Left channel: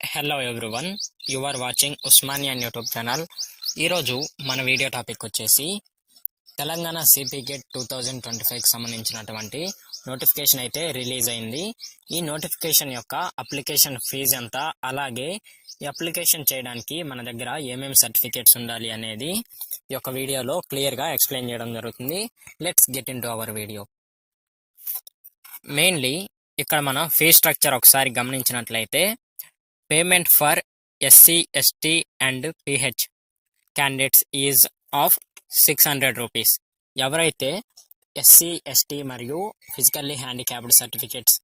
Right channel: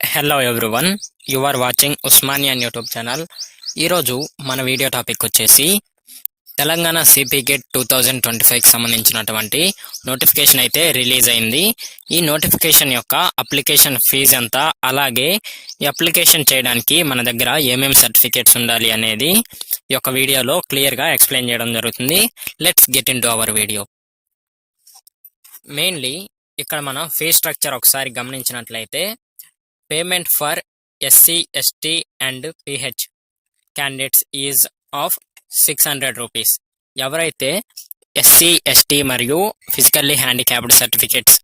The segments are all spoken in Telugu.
Hello everyone, you are watching Osmanian YouTube channel. ఈరోజు మన వీడియో టాపిక్ వచ్చేసి తెలంగాణ సిపి గేట్ 2025కి సంబంధించినటువంటి నోటిఫికేషన్ అయితే రిలీజ్ అయింది. ఈ నోటిఫికేషన్ యొక్క అప్లికేషన్ ఫీజు ఎంత, అలాగే ఈ అప్లికేషన్ చేయడానికి మన దగ్గర ఏమేమి సర్టిఫికేట్స్ ఉండాలి అనేది ఈ యొక్క వీడియోలో క్లియర్గా ఎక్స్ప్లెయిన్ చేయడం జరుగుతుంది. Let's get in to our video. Mainly ఇక్కడ మనం ఫీజ్ స్ట్రక్చర్ ఒకసారి గమనించినట్లయితే payment for SC, ST and PH candidates is of 600 rupees. ఎవరైతే SC, ST మరియు ఫిజికల్లీ హ్యాండిక్యాప్డ్ సర్టిఫికేట్స్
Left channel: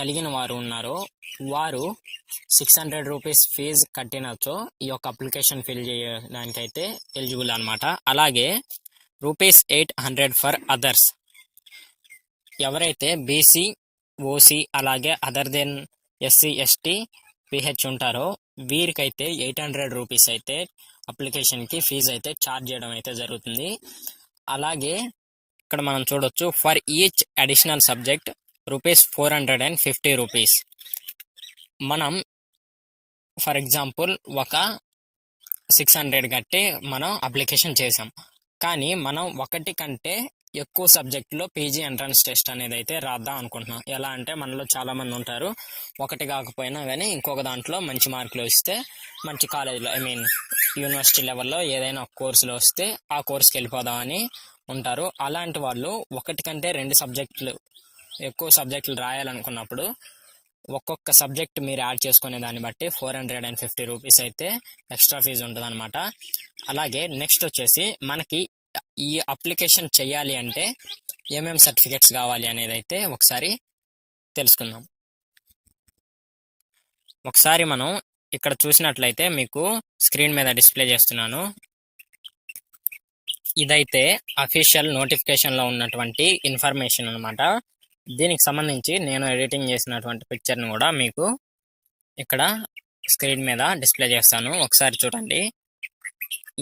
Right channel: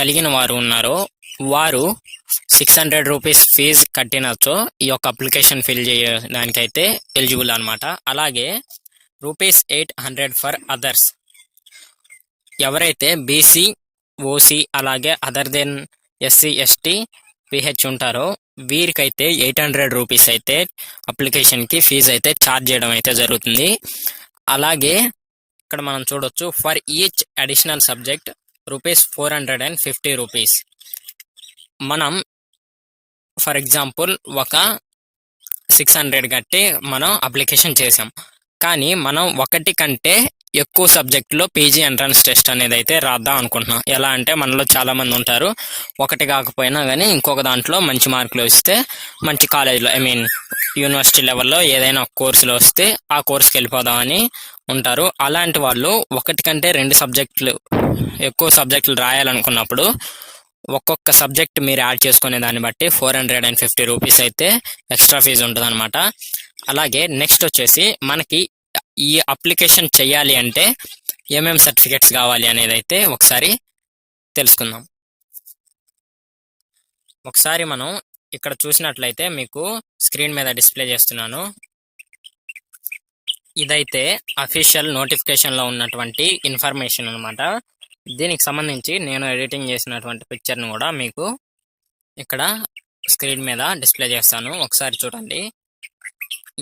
కలిగిన వారు ఉన్నారో వారు 600 రూపీస్ ఫీజు కట్టినచో ఈ యొక్క అప్లికేషన్ ఫిల్ చేయడానికైతే ఎలిజిబుల్ అనమాట. అలాగే ₹800 ఫర్ అదర్స్. ఎవరైతే BC, OC అలాగే other than SC, ST, PH ఉంటారో వీరికైతే 800 రూపీస్ అయితే అప్లికేషన్కి ఫీజు అయితే ఛార్జ్ చేయడం అయితే జరుగుతుంది. అలాగే ఇక్కడ మనం చూడొచ్చు for each additional subject ₹450 rupees. మనం ఫర్ ఎగ్జాంపుల్ ఒక 600 కట్టి మనం అప్లికేషన్ చేసాం, కానీ మనం ఒకటి కంటే ఎక్కువ సబ్జెక్టులో పీజీ ఎంట్రన్స్ టెస్ట్ అనేది అయితే రాద్దాం అనుకుంటున్నాం. ఎలా అంటే మనలో చాలామంది ఉంటారు ఒకటి కాకపోయినా కానీ ఇంకొక దాంట్లో మంచి మార్కులు వస్తే మంచి కాలేజ్లో యూనివర్సిటీ లెవెల్లో ఏదైనా ఒక కోర్సులో వస్తే ఆ కోర్సుకి వెళ్ళిపోదామని ఉంటారు. అలాంటి వాళ్ళు ఒకటి కంటే 2 సబ్జెక్టులు ఎక్కువ సబ్జెక్టులు రాయాలనుకున్నప్పుడు ఒక్కొక్క సబ్జెక్ట్ మీరు యాడ్ చేసుకునే దాన్ని బట్టి 450 రూపీస్ అయితే ఎక్స్ట్రా ఫీజు ఉంటుంది అనమాట. అలాగే నెక్స్ట్ వచ్చేసి మనకి ఈ అప్లికేషన్ చేయాలి అంటే ఏమేమి సర్టిఫికేట్స్ కావాలి అనేది అయితే ఒకసారి తెలుసుకుందాం. ఒకసారి మనం ఇక్కడ చూసినట్లయితే మీకు స్క్రీన్ మీద డిస్ప్లే చేస్తున్నాను. ఇదైతే అఫీషియల్ నోటిఫికేషన్లో ఉన్నటువంటి ఇన్ఫర్మేషన్ అనమాట. దీనికి సంబంధించి నేను ఎడిటింగ్ చేసినటువంటి పిక్చర్ని కూడా మీకు ఇక్కడ స్క్రీన్ మీద డిస్ప్లే చేస్తాను, ఒకసారి చూడండి.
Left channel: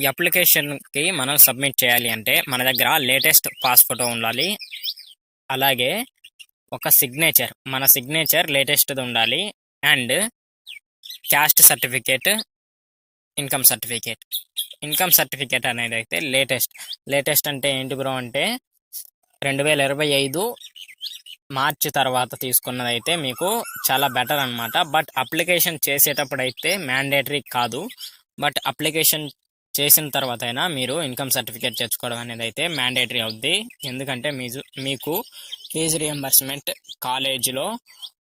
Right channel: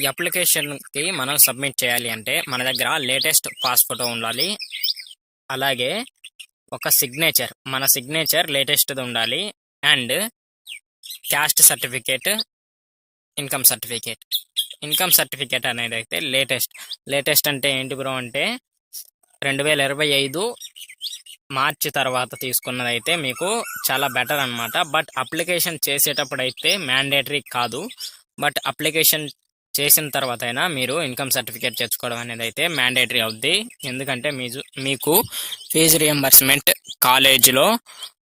ఈ అప్లికేషన్కి మనం సబ్మిట్ చేయాలి అంటే మన దగ్గర లేటెస్ట్ పాస్ ఫోటో ఉండాలి. అలాగే ఒక సిగ్నేచర్, మన సిగ్నేచర్ లేటెస్ట్ది ఉండాలి. And caste certificate, income certificate అనేది అయితే లేటెస్ట్ అంటే ఏంటి బ్రో అంటే 2025 మార్చి తర్వాత తీసుకున్నది అయితే మీకు చాలా బెటర్ అనమాట. బట్ అప్లికేషన్ చేసేటప్పుడు అయితే మ్యాండేటరీ కాదు, బట్ అప్లికేషన్ చేసిన తర్వాత అయినా మీరు ఇన్కమ్ సర్టిఫికేట్ తెచ్చుకోవడం అనేది అయితే మ్యాండేటరీ అవుద్ది. ఎందుకంటే మీకు ఫీజు రియంబర్స్మెంట్, కాలేజీలో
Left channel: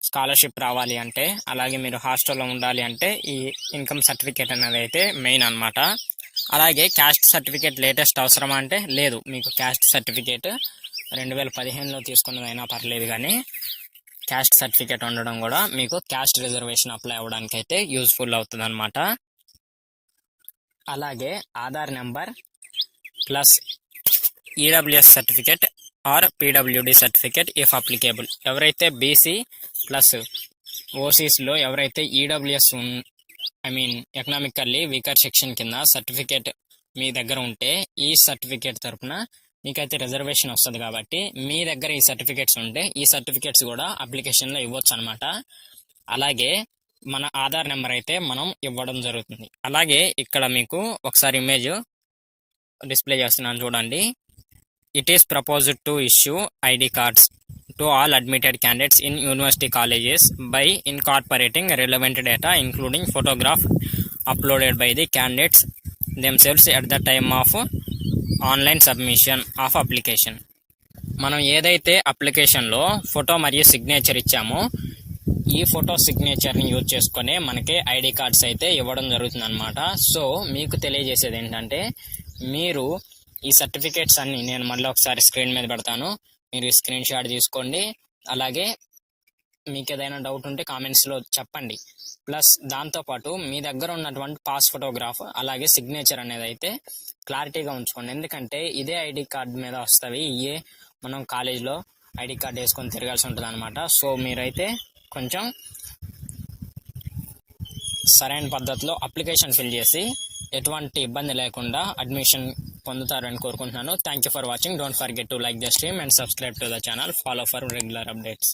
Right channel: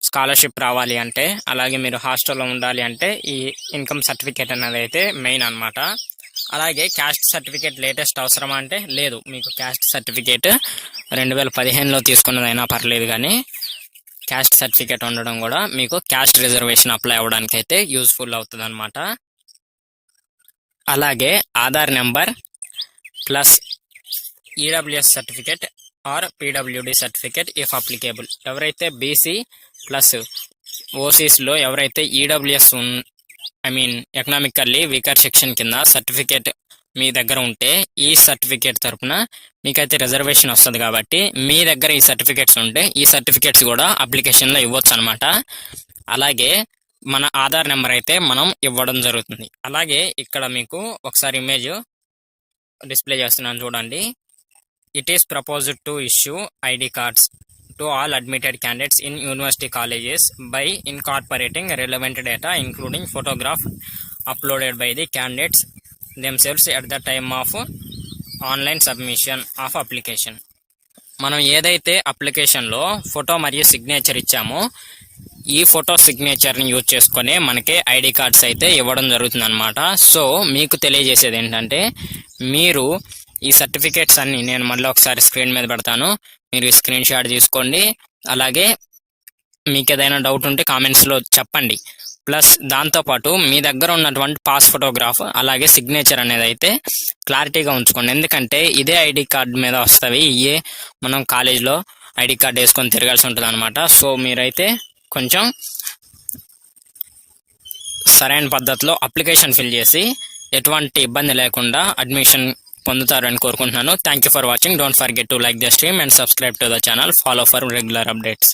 స్కాలర్షిప్ రావాలి అంటే, అలాగే మీరు హాస్టల్లో ఉండాలి అంటే ఈ ఇన్కమ్ సర్టిఫికేట్ అనేది అయితే మెయిన్ అనమాట. అలాగే క్యాస్ట్ సర్టిఫికేట్ లేటెస్ట్ అవసరమా అంటే లేదు, మీకు క్యాస్ట్ సర్టిఫికేట్ 2015లో తీసుకున్నదైనా పర్లేదు, కానీ క్యాస్ట్ సర్టిఫికేట్ ఉండడం కూడా మీకు క్యాస్ట్ రిజర్వేషన్ అప్లై అవ్వడానికి అయితే యూజ్ఫుల్ అవుతుంది అనమాట. అలాగే Aadhaar number plus EWS certificate or PWD certificate if applicable. ఎవరైతే BC ప్లస్ OCస్లో ఎవరైతే EWS ఎకనామికల్లీ వీకర్ సెక్షన్ కింద సర్టిఫికేట్ మీ దగ్గర ఉంటే ఈ సర్టిఫికేట్ తరఫున మీకైతే రిజర్వేషన్ వస్తుంది. కాబట్టి మీ దగ్గర ఈ సర్టిఫికేట్స్ ఉంటే ఈ సర్టిఫికేట్స్ కూడా అప్లికేషన్లో ఇవ్వచ్చు అనమాట. అలాగే మన ఆధార్ నెంబర్ అయితే మనం ఇవ్వడం జరుగుతుంది. అలాగే ఇక్కడ మీకు ఒకసారి ఇమేజ్ డిస్ప్లే చేస్తున్నాను చూడండి. It is proposed to issue ID cards to all admitted candidates in university colleges by incorporating relevant data including photograph uploaded by the candidates themselves at the time of online submission of application. మనం ఏదైతే అప్లికేషన్లో ఫోటో మరియు సిగ్నేచర్ ఇచ్చామో ఈ ఫోటో సిగ్నేచర్ని యూజ్ చేసుకొని మనకి ID కార్డ్స్ అయితే ఇవ్వడం జరుగుతుంది అనమాట. సో మీకు తెలియజేసేది ఏంటంటే మీరు ఈ సర్టిఫికేట్స్ అన్ని నేను మళ్ళీ ఒకసారి స్క్రీన్ మీద పెడతాను, మీరు ఈ స్క్రీన్ షాట్ తీసుకోండి. అలాగే మీకు ఏదైనా డౌట్ ఉంటే కామెంట్స్లో చెప్పండి. ప్లస్ దాంతోపాటు మీ దగ్గర ఉన్నటువంటి పాస్ ఫోటోగ్రాఫ్ అలాగే సిగ్నేచర్ అనేది అయితే క్లారిటీగా ఉంచుకోండి. ఎందుకంటే ఇదే ID కార్డ్ మీద వస్తాయి, ఇవే మనం కాలేజ్లో ID కార్డ్ వేసుకొని తిరగాల్సి ఉంటుంది అనమాట. సో మీరైతే కొంచెం సరైన పద్ధతిలో అప్లికేషన్ ఫిల్ చేసి ఎటువంటి ఇబ్బంది లేకుండా అడ్మిషన్ పొందుతారని కోరుకుంటున్నాను. Thank you for watching. Don't forget to like the stream and subscribe to the channel. Follow for regular updates.